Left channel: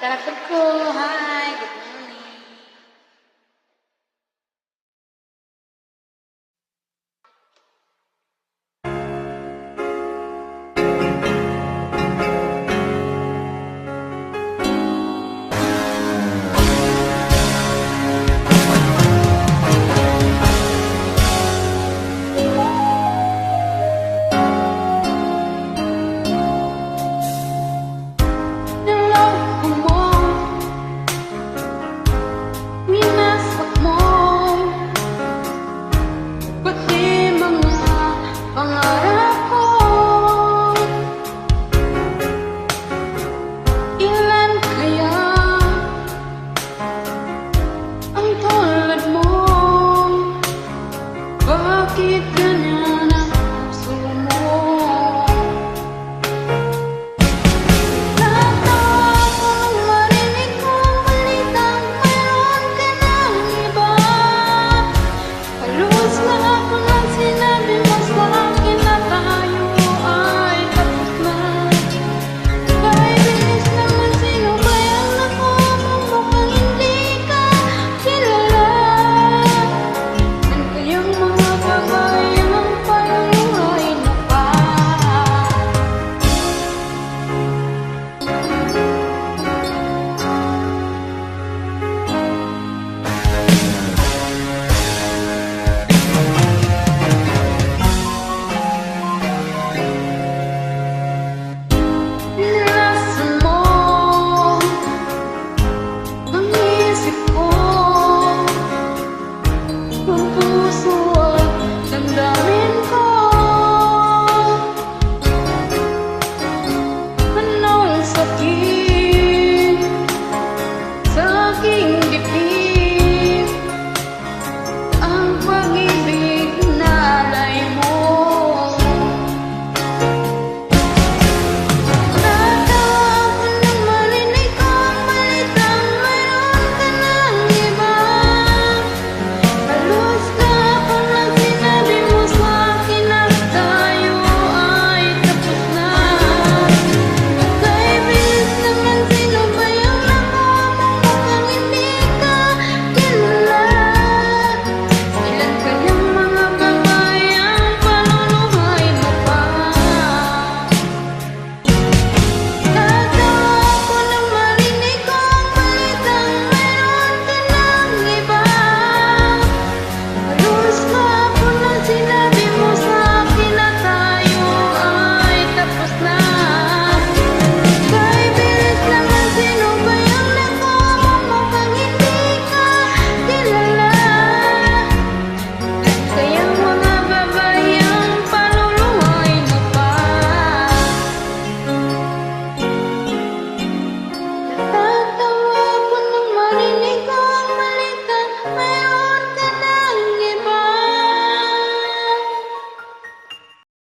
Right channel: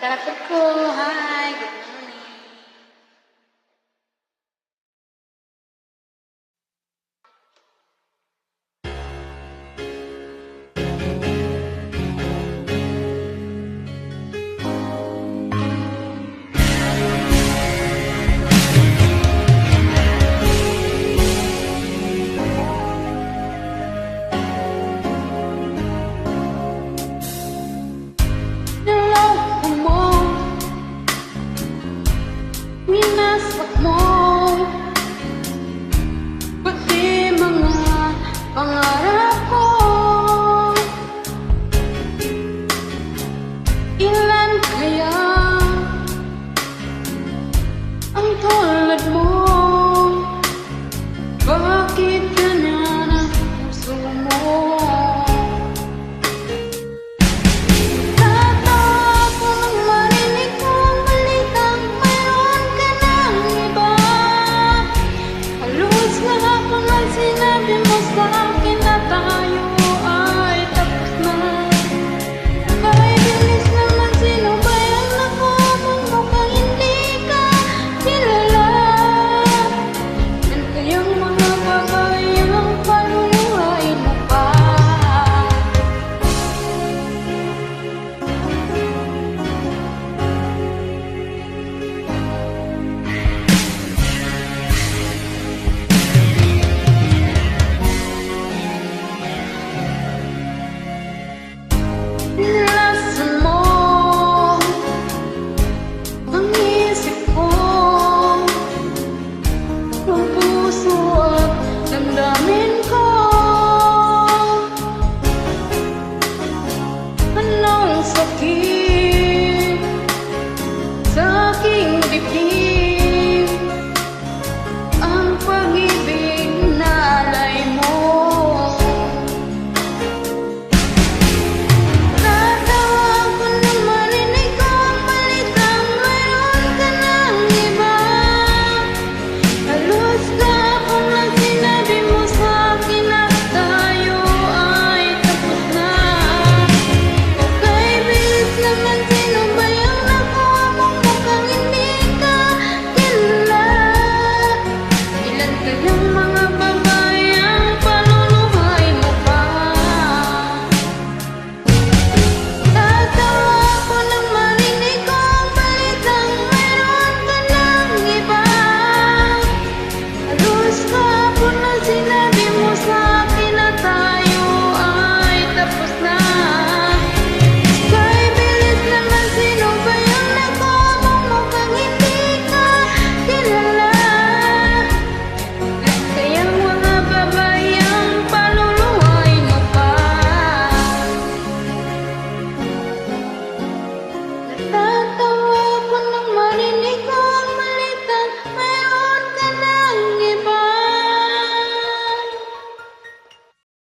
Takot ko, hi, good morning. Niloko mo, minasak mo, pati mga pangarap ko. Ilan kaya ang tulad mo? Bakit ganyan ang puso mo? Natawa ko nang marinig ko ang balitang mayroon ka ng iba. Halos kahapon lang sinabi mo sa akin na tayo ay tapos na. Kay bilis naman, sino ba yung nakamang mukhang hindi ka kilala? Ano kayang mga babae ang paluluhay na pa? Nilasan mo ang isip ko, ang puso at damdamin ko. Anong sakit sa aking dibdib?